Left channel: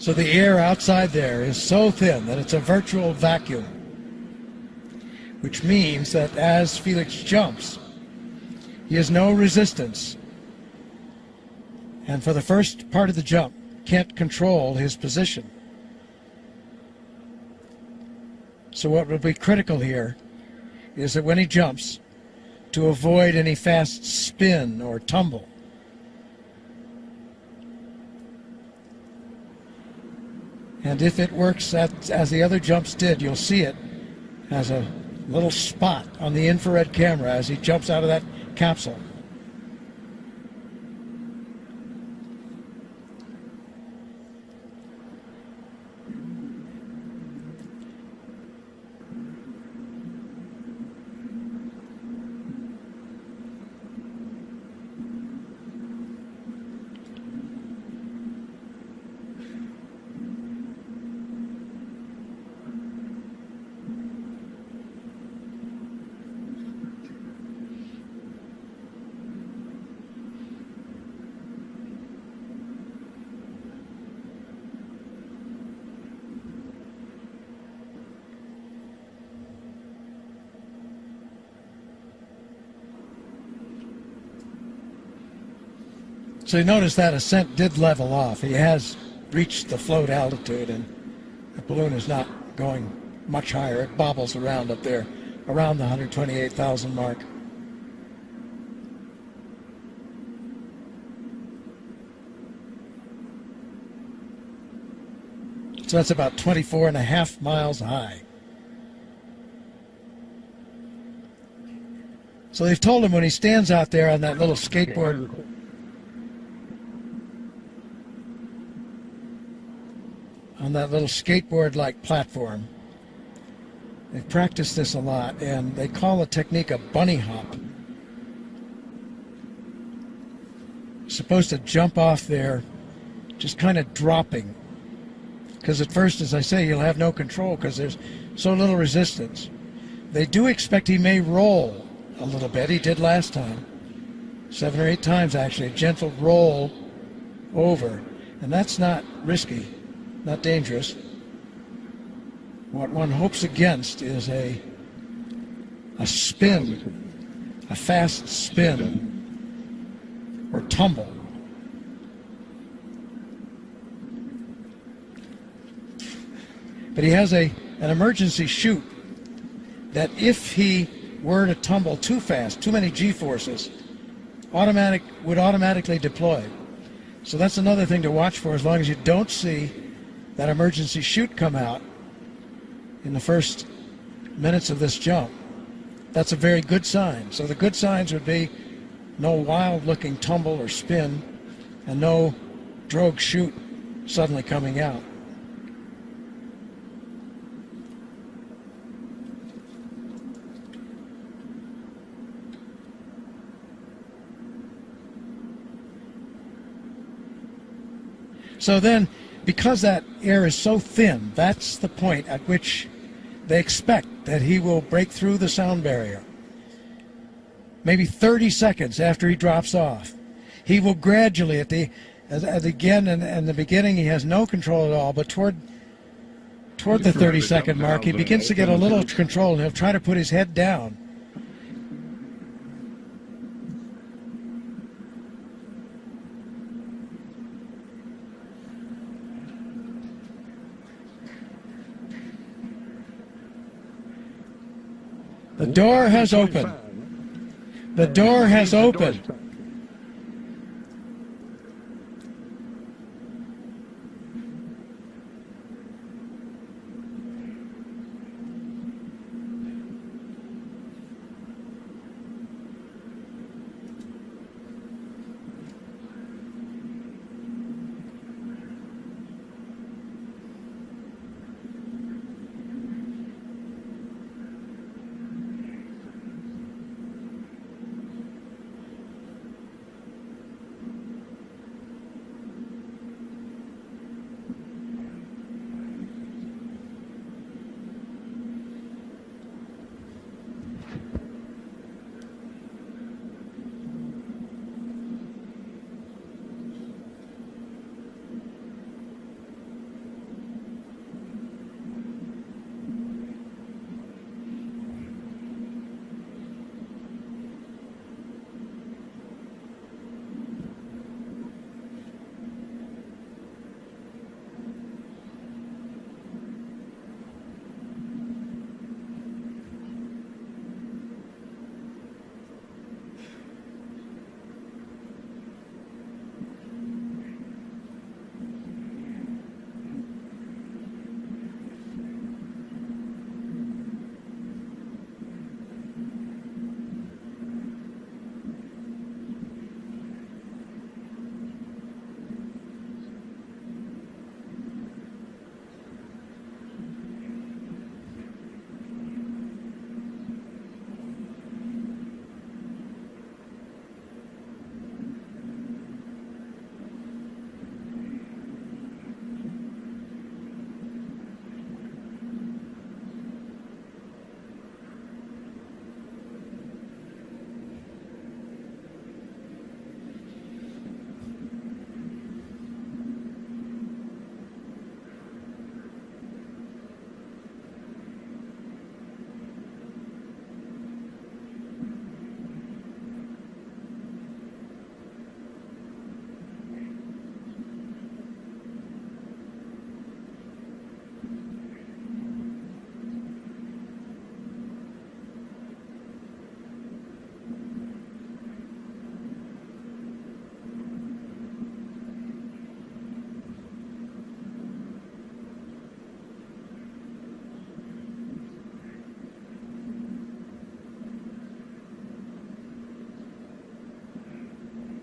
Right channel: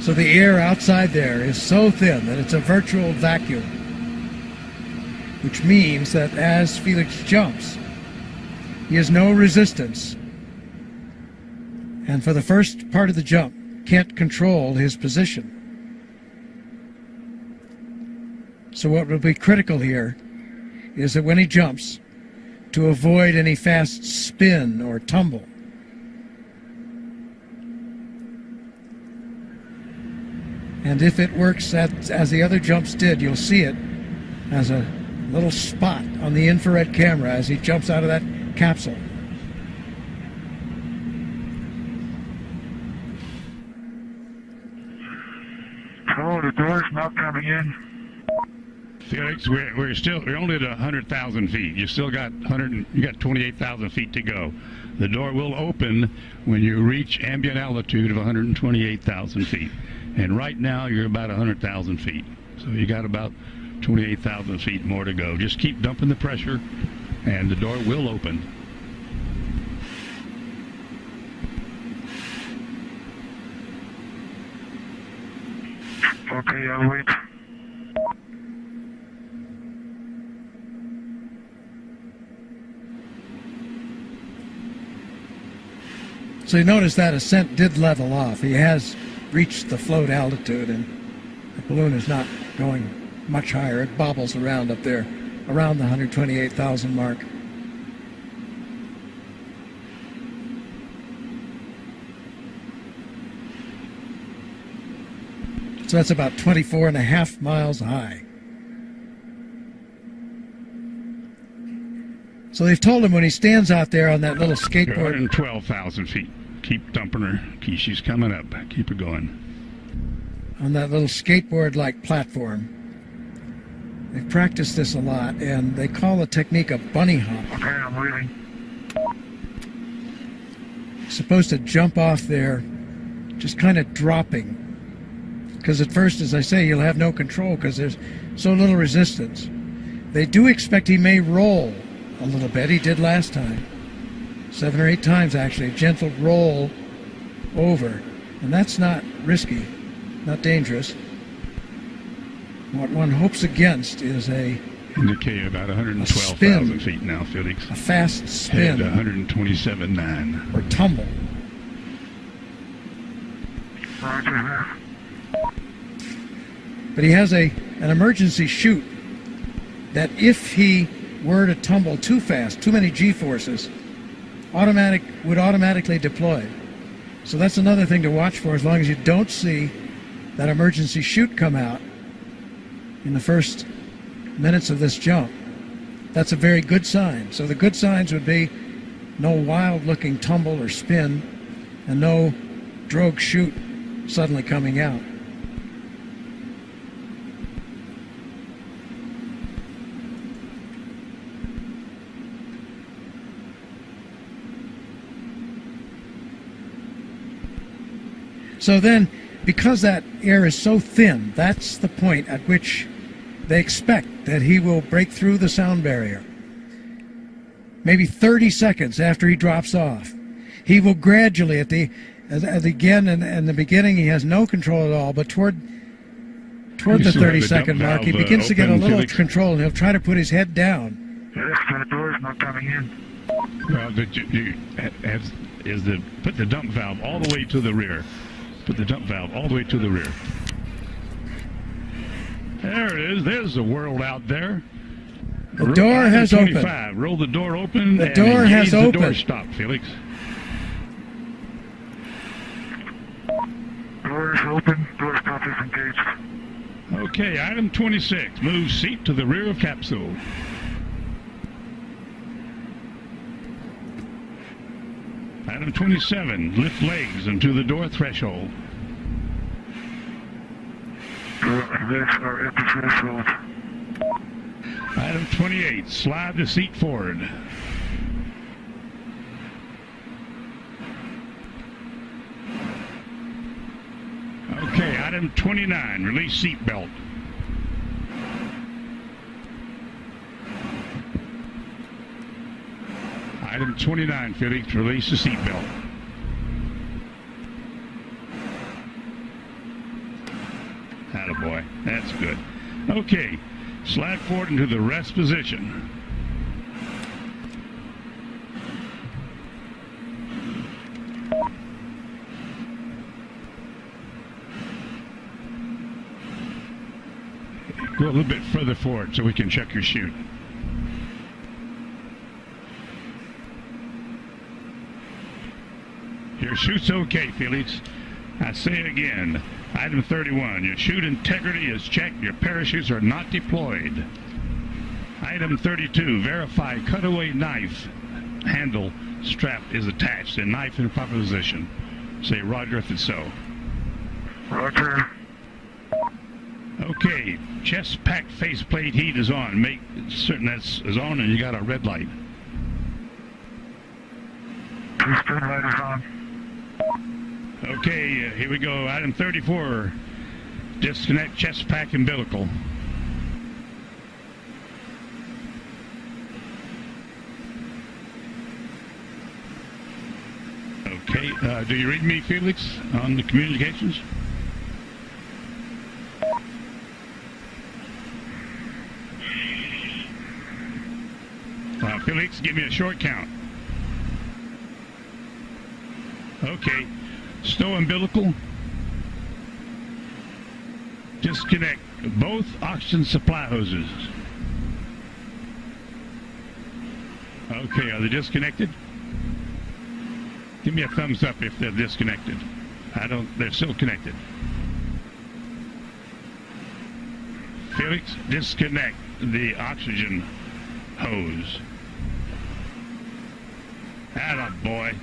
So the air outside there is so thin that it's a virtual vacuum, which means that as Felix jumps, he has no resistance, and for the first part of the jump, can't control his position. So what will be critical here is that when he jumps, to avoid any fast spin or tumble. And if it works as the other jumps did, you'll see it as a little spot on the infrared camera as he jumps out of that capsule. Oh, the door's not coming in. Felix, we're only at 100,000 feet. You still got 28,000 feet to go. The door will open when you reach ambient altitude of 128,000 feet. And right now you're about 100,000 feet. So you got about 28,000 feet more to go. Just keep dumping the pressure and the door will open. Okay, I'll wait. So you notice that ascent did level off. He has reached the float altitude, and the balloon is not going much higher. It bobbles around up there, around the 128,000 mark. So that's about 24.5 miles high. So they've told him when he stands out there on that little skateboard. 112,000 feet. Keep dumping her. She's coming up. Keep her going. On that little skateboard-like platform. They've practiced this a lot, and they call the technique a bunny hop. Okay, I'm waiting. Supposed to jump off there, just kind of dropping. Because at first, as I say, you'll have no control because there's so little resistance. They do expect he may roll a little bit. He did last time. 7 or 8 times, actually. A gentle roll over. And that's not risky, not dangerous. What one hopes against is indicated about 112,000 feet now, Felix. A fast spin. 127.9. Or tumble. But he has an emergency chute that if he were to tumble too fast, too many G-forces, would automatically deploy. So that's another thing to watch for as long as you don't see that emergency chute come out in the first minutes of this jump. That's a very good sign. So the good signs would be no wild-looking tumble or spin and no drogue chute suddenly coming out. So then, because that air is so thin, that's the point at which they expect that he will break through the sound barrier. Maybe 30 seconds after he drops off. He will gradually, in the beginning, he has no control at all, but toward the 30-second mark, he begins to get a little control, and he'll try to put his head down. The door's not coming in. Well, put the dump valve all the way to the rear. Put the dump valve all the way to the rear. There it is. There's the world out there. The door has opened. Roll the door open. The door has opened. The door stop, Felix. Door is open. Door stop is engaged. Okay, item 26. Move seat to the rear of capsule. Item 27, lift legs into the door threshold. Legs are at the threshold. Item 28, slide the seat forward. Okay, item 29, release seat belt. Item 29, Felix, release the seatbelt. Attaboy. That's good. Okay. Slide forward into the rest position. Go a little bit further forward so we can check your chute. Your chute's okay, Felix. I say it again. Item 31, your chute integrity is checked. Your parachutes are not deployed. Item 32, verify cutaway knife handle strap is attached and knife in proper position. Say roger if it's so. Roger. Okay, chest pack faceplate heat is on. Make certain that's is on and you got a red light. Two-spin light is on. Okay, here we go. Item 34, disconnect chest pack umbilical. Okay, do you read me, Felix, on the communications? Felix, give me a short count. Okay, stow umbilical. Disconnect both oxygen supply hoses. Okay, are they disconnected? Give me a thumbs up if they're disconnected. They're still connected. Felix, disconnect the oxygen hose. Attaboy.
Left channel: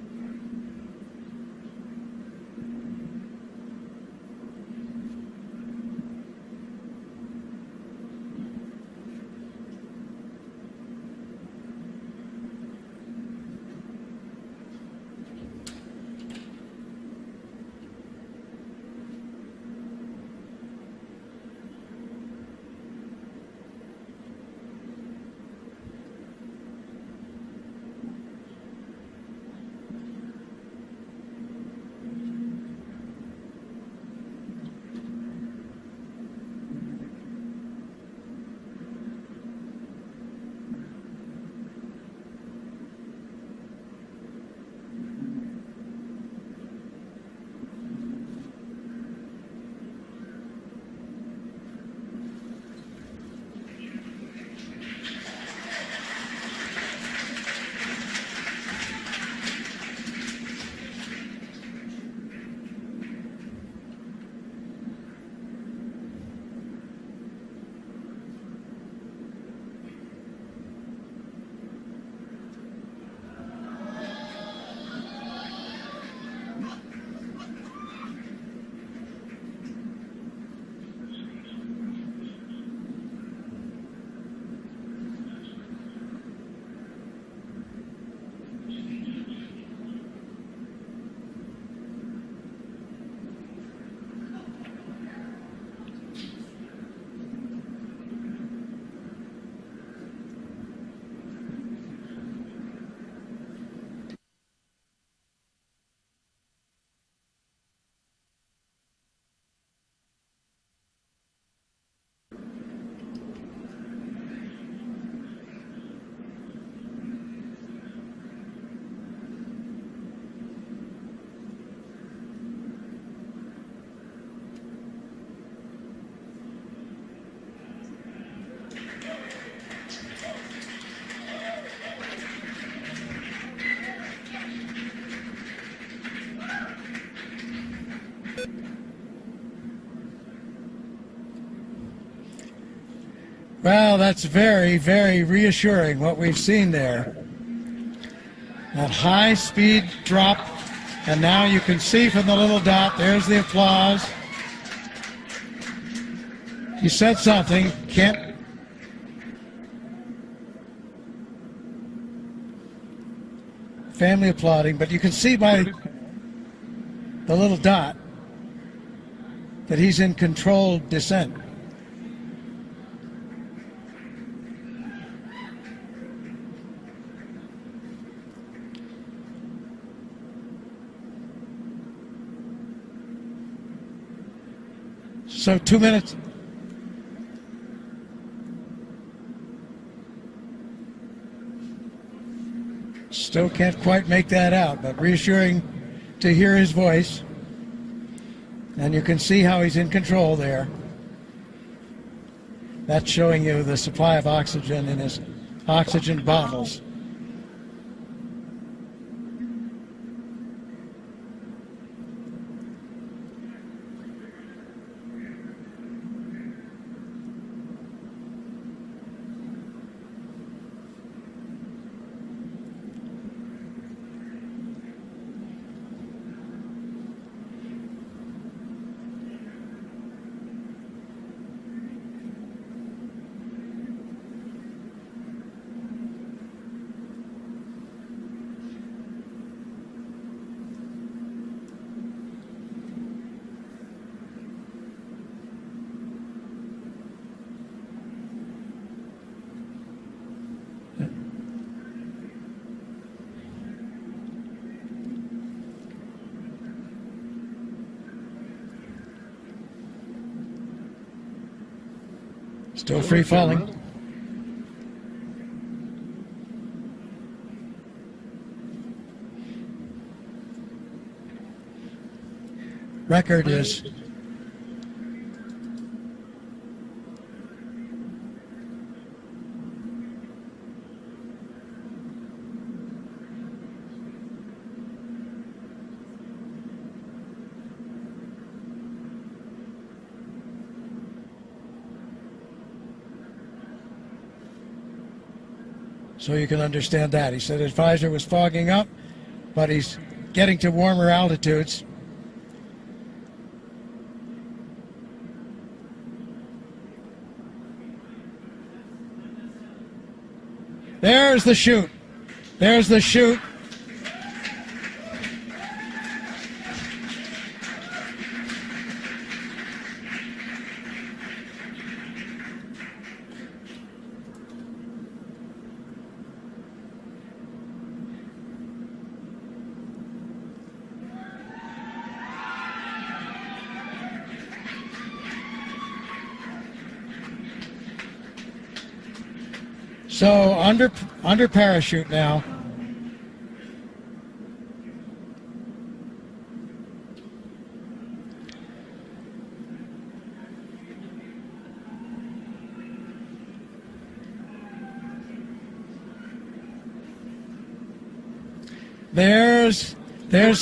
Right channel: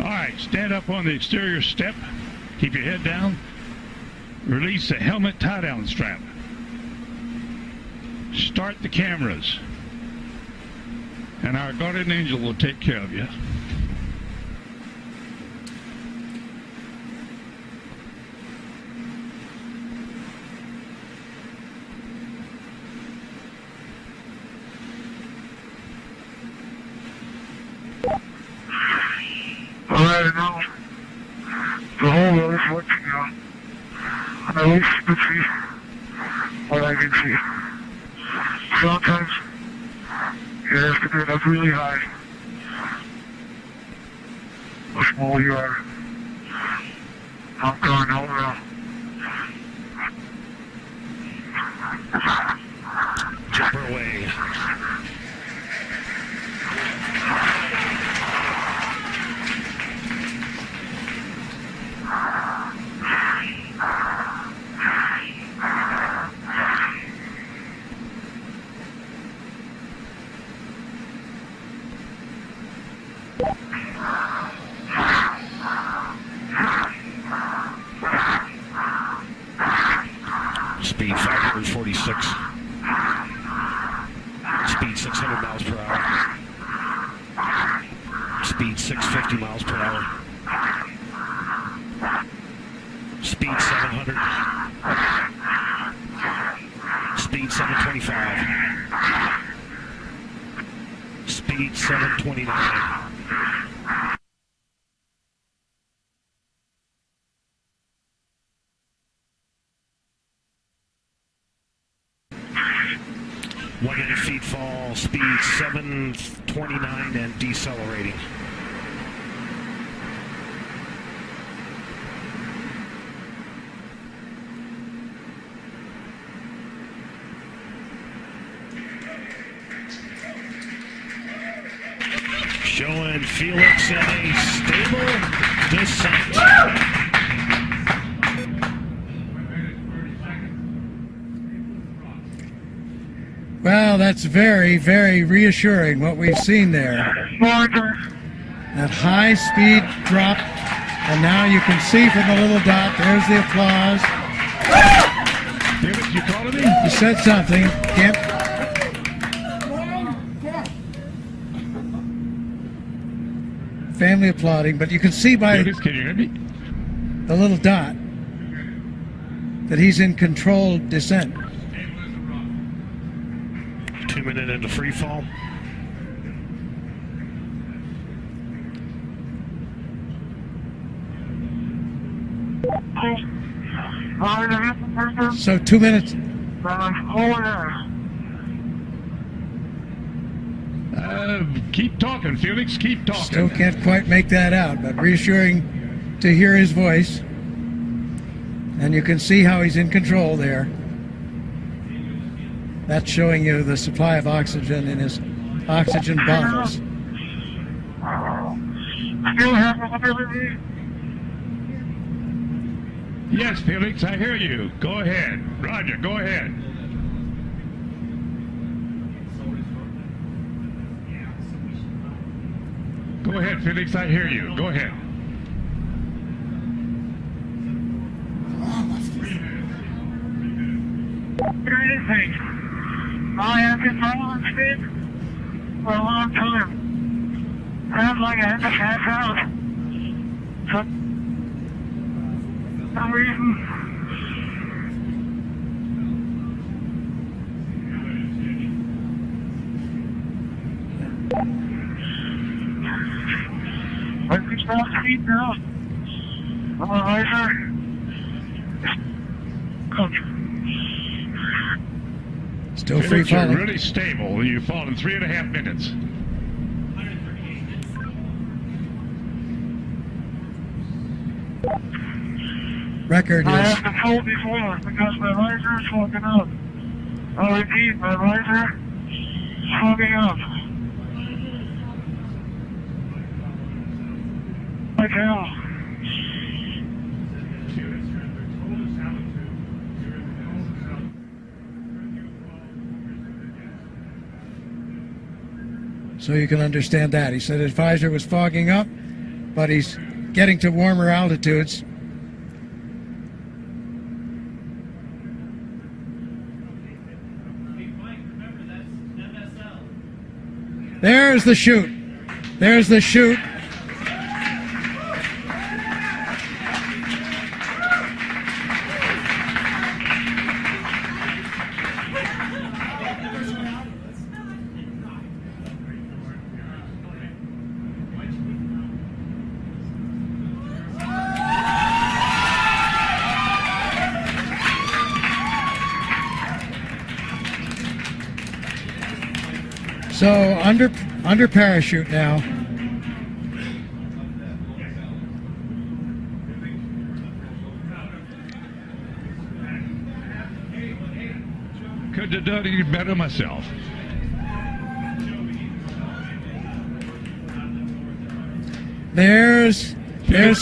All right, stand up on the exterior step. Keep your head down. Release the helmet tie-down strap. Start the cameras. And our guardian angel will take care of you. Alright, now, the whole road is watching now. And at least you can see what I can see. Sometimes, you have to get up really high. How small you are. I'm going over. Jumper away. Speed 546. Speed 600 miles per hour. Speed 650 miles per hour. Speed 700. Speed 725. Speed 729. Feet fall, speed 729 and decelerating. Showing Felix in a stable descent. Well, that's very, very reassuring what we've seen there. That high speed drop, and now you can see from the little dot, there's the applause. David, you calling me? You said something. Can't. Family applauding, but you can see by David, can you hear me? the little dot that he's in controlled descent. 2 minutes into free fall. So 2 minutes. Keep talking, Felix. Keep talking. Still can't quite make that out, but reassuring to hear his voice. And you can see how he's in control there. That's showing you the supply of oxygen in his oxygen bottles. Yes, Felix, I hear you. Go ahead. Roger, go ahead. Go ahead, Felix, I hear you. Go ahead. I have been following speed for a long time. Sounds like I had to pass out. For some reason. I can stop speed now. I'm a riser. Still free Felix, you're falling. really stable. You fall in 3.5 minutes. Record I is have been told before because my riser is fogging up. I'll repeat, my riser is fogging up. Like hell. so you can understand that. He said his visor was fogging up, but he's getting to warmer altitudes. There's the chute. There's the chute. So under parachute now. Could have done it better myself. There's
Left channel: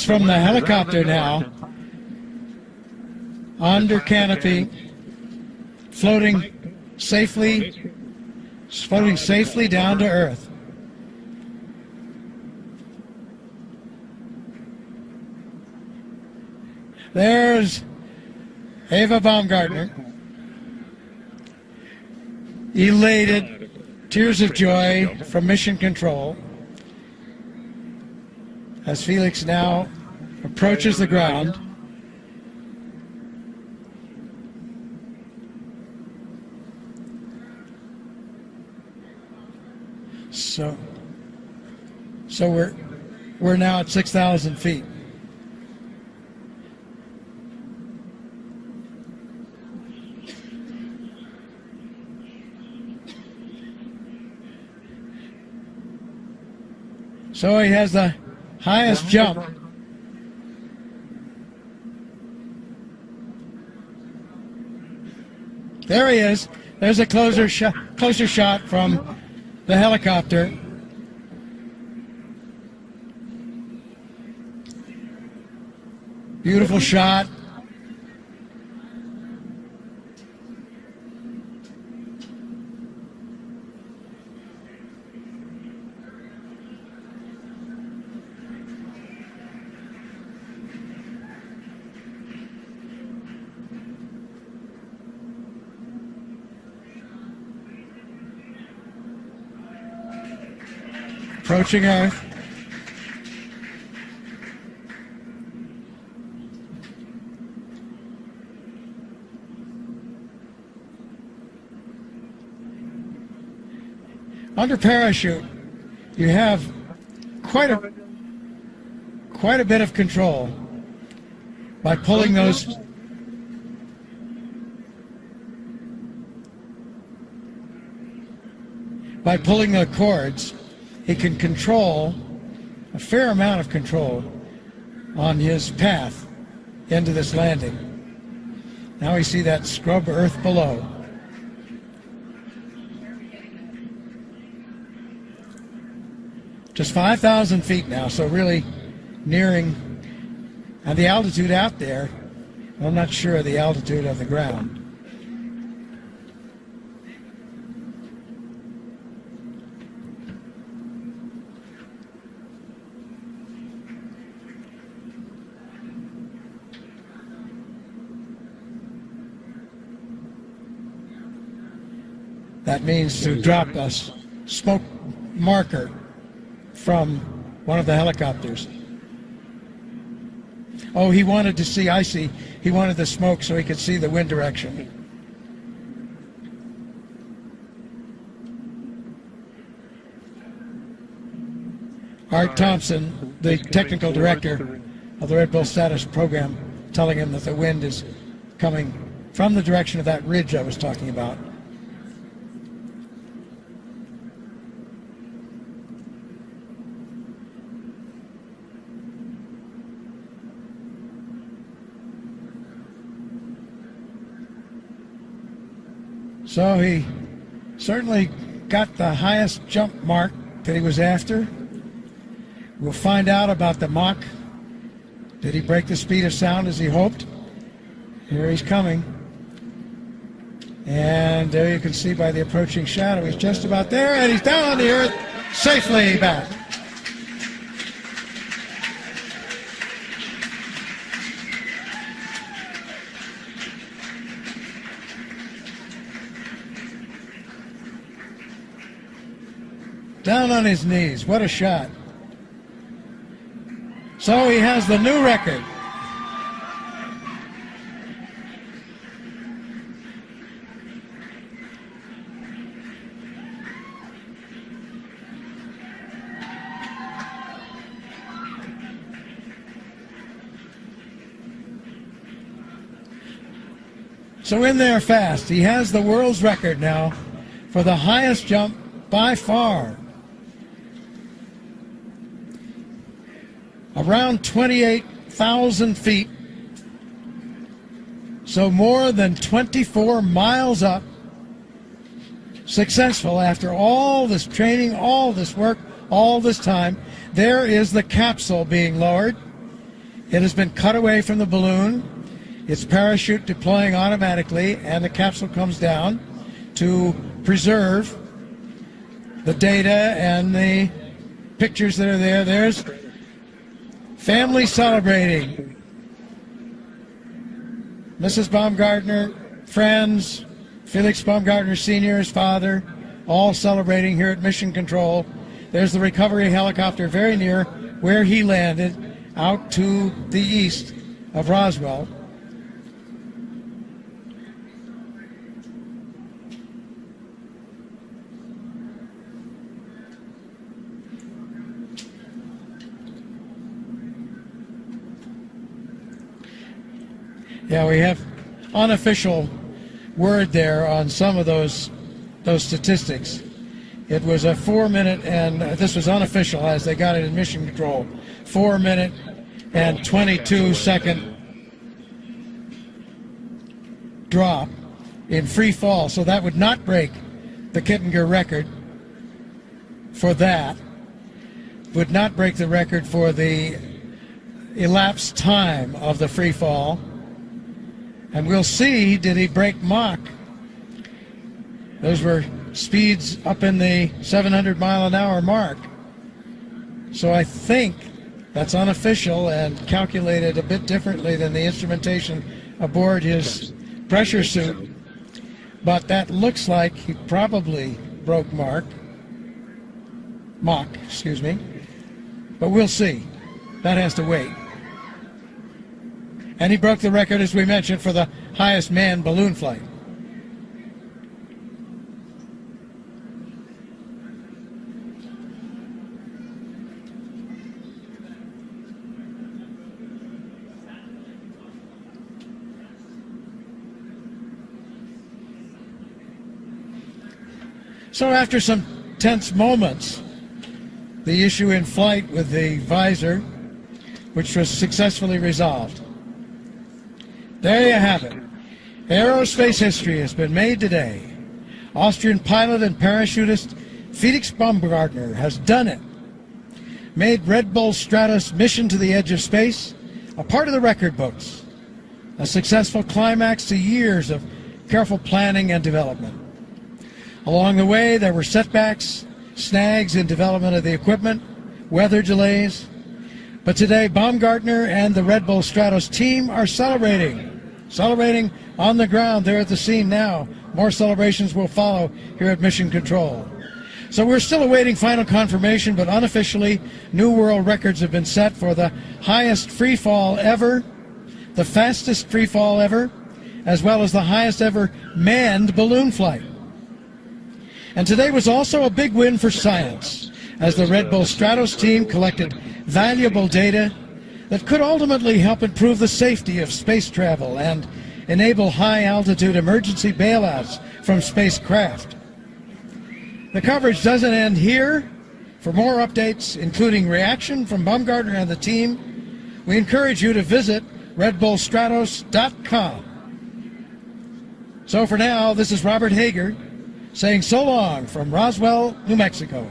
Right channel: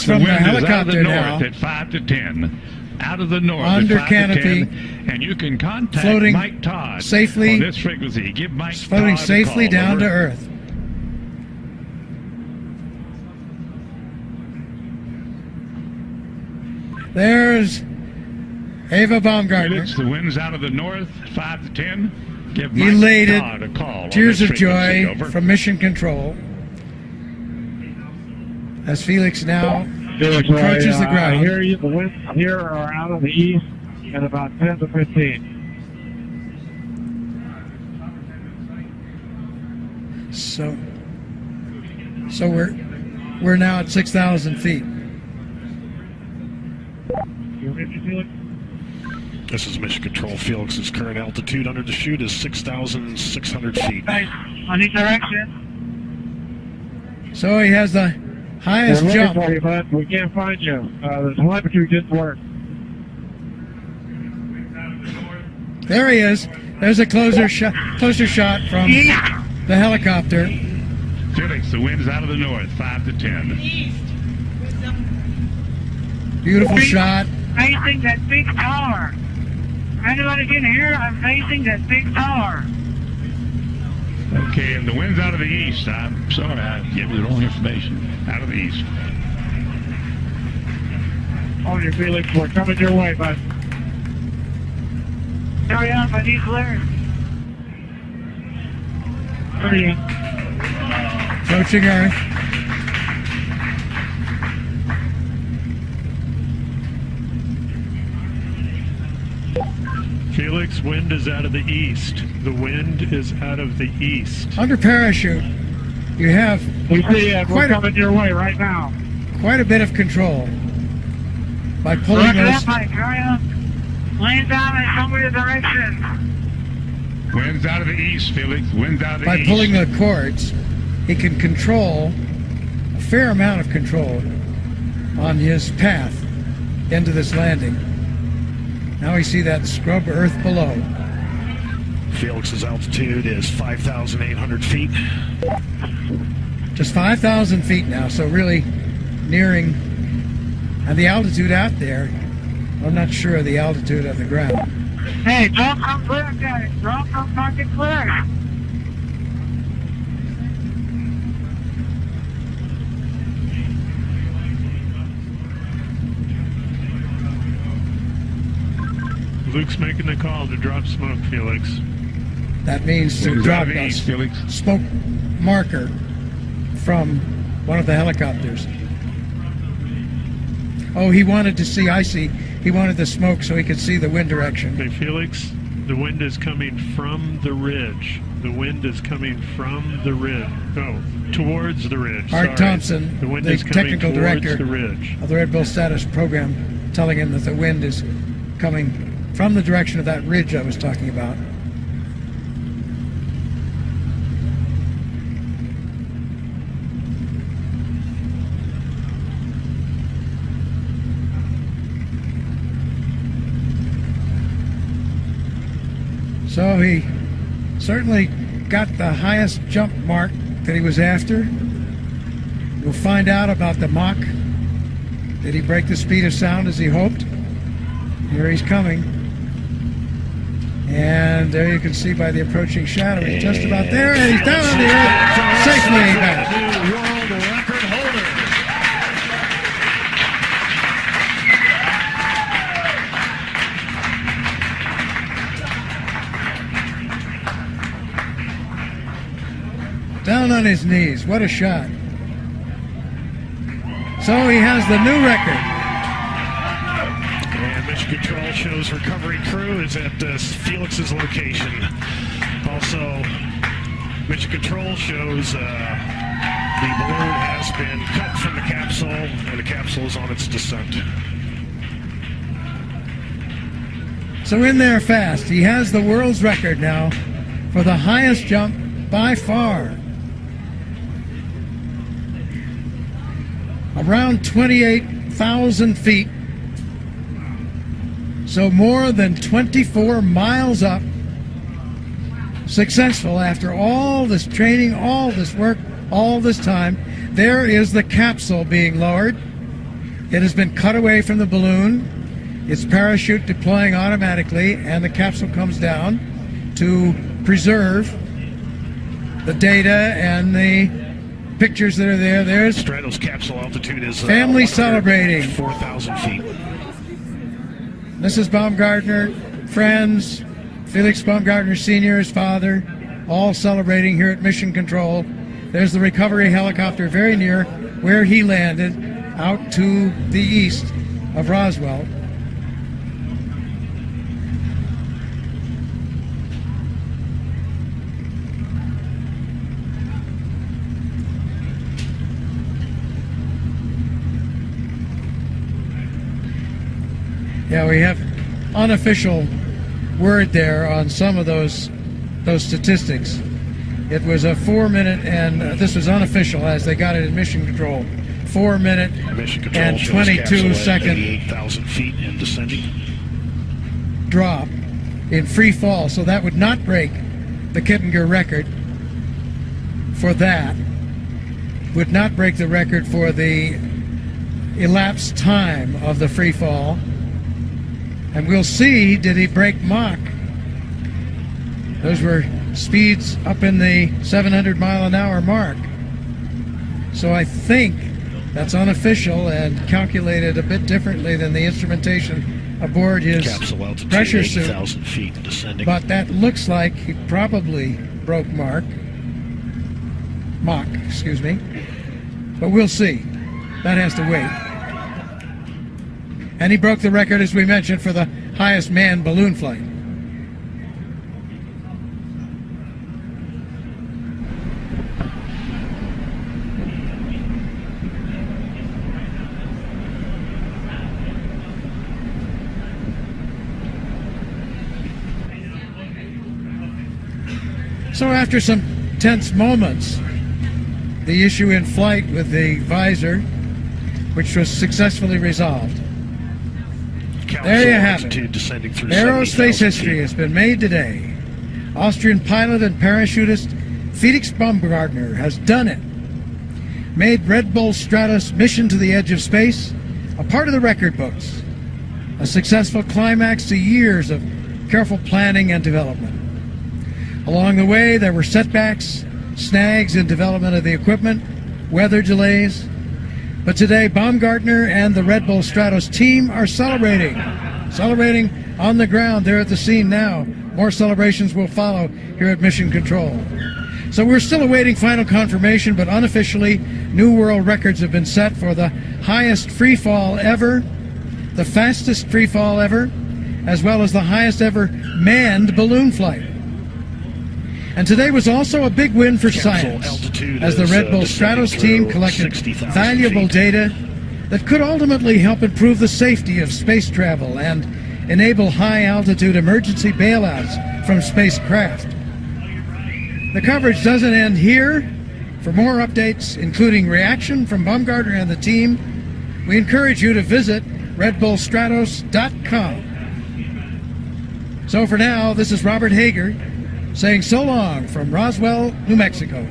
from the helicopter now. At 5 to 10. Out of the north Under at 5 canopy, to 10, and you can contact floating Mike Todd safely, on this frequency. Give Mike floating Todd a safely call. down Over. to Earth. There's Eva Baumgartner, Felix, the wind's out of the north, 5 to 10. Give Mike elated, Todd a call on tears this of joy frequency. Over. from Mission Control, as Felix now approaches the I ground. hear you. The winds here are out of the east at about 10 to 15. So we're now at 6,000 feet. You ready, Felix? This is Mission Control. Felix's current altitude under the chute is 6,600 feet. Hey, on each direction. So he has the highest We're looking jump. for you, bud. We can't find you. The telemetry didn't work. There he is. There's a closer shot from the helicopter. Felix, the wind's out of the north, 5 to 10. Beautiful shot. Facing that big tower. Anybody can hear? I'm facing that big tower. Okay, and the wind's out of the east. I'm sorry, I gave you the wrong information. Out of the east. On your Felix, we're coming your way, bud. Hurry up, I need clearance. Hurry up. Approaching Earth. Felix, wind is out of the east. The wind is out of the east. Under parachute, you have We see it. We're Quite a- coming your way right now. quite a bit of control. by pulling those. Lane's down in some weird direction. Wind's out of the east, Felix. Wind's out of the By east. pulling the cords, he can control a fair amount of control on his path into this landing. Now we see that scrub earth below. Felix's altitude is 5,800 feet. Just 5,000 feet now, so really nearing, and the altitude out there, I'm not sure of the altitude of the ground. Hey, don't come clear, guys. Don't come fucking clear. Luke's making the call to drop smoke, Felix. That means to Wind's drop out of the a east, Felix. smoke marker from one of the helicopters. Oh, he wanted to see, I see. He wanted the smoke so he could see the wind direction. Hey, Felix, the wind is coming from the ridge. The wind is coming from the ridge. Oh, towards the ridge. Art Sorry. Thompson, The wind the is coming technical towards director the ridge. of the Red Bull status program, telling him that the wind is coming from the direction of that ridge I was talking about. So he certainly got the highest jump mark that he was after. We'll find out about the Mach. Did he break the speed of sound as he hoped? Here he's coming. And there you can see by the approaching shadow, he's just about there, and he's down on the earth, safely back. New world record holder. Down on his knees. What a shot. So he has the new record. And Mission Control shows recovery crew is at Felix's location. Also, Mission Control shows the balloon has been cut from the capsule, and the capsule is on its descent. So in there fast. He has the world's record now for the highest jump by far. Around 28,000 feet. So more than 24 miles up. Successful after all this training, all this work, all this time. There is the capsule being lowered. It has been cut away from the balloon. Its parachute deploying automatically, and the capsule comes down to preserve the data and the pictures that are there. There's Stratos capsule altitude is family celebrating. 4,000 feet. Mrs. Baumgartner, friends, Felix Baumgartner Sr., his father, all celebrating here at Mission Control. There's the recovery helicopter very near where he landed, out to the east of Roswell. Yeah, we have unofficial word there on some of those statistics. It was a 4 minute, and this was unofficial as they got it in Mission Control. 4 minute Mission Control and shows 22 capsule at second 88,000 feet and descending. drop in free fall. So that would not break the Kittinger record for that. Would not break the record for the elapsed time of the free fall. And we'll see, did he break Mach? Those were speeds up in the 700 mile an hour mark. So I think that's unofficial and calculated a bit differently than the instrumentation aboard his Capsule altitude pressure suit. 8,000 feet and descending. But that looks like he probably broke Mach, excuse me. But we'll see. That has to wait. And he broke the record, as we mentioned, for the highest manned balloon flight. So after some tense moments, the issue in flight with the visor, which was successfully resolved. There you have it. Aerospace history has been made today. Austrian pilot and parachutist Felix Baumgartner has done it. Made Red Bull Stratos mission to the edge of space a part of the record books. A successful climax to years of careful planning and development. Along the way, there were setbacks, snags in development of the equipment, weather delays. But today, Baumgartner and the Red Bull Stratos team are celebrating on the ground. They're at the scene now. More celebrations will follow here at Mission Control. So we're still awaiting final confirmation, but unofficially, new world records have been set for the highest free fall ever, the fastest free fall ever, as well as the highest ever manned balloon flight. And today was also a big win for science, as the Red Bull Stratos team collected valuable data that could ultimately help improve the safety of space travel and enable high-altitude emergency bailouts from spacecraft. The coverage doesn't end here. For more updates, including reaction from Baumgartner and the team, we encourage you to visit redbullstratos.com. So for now, this is Robert Hager saying so long from Roswell, New Mexico.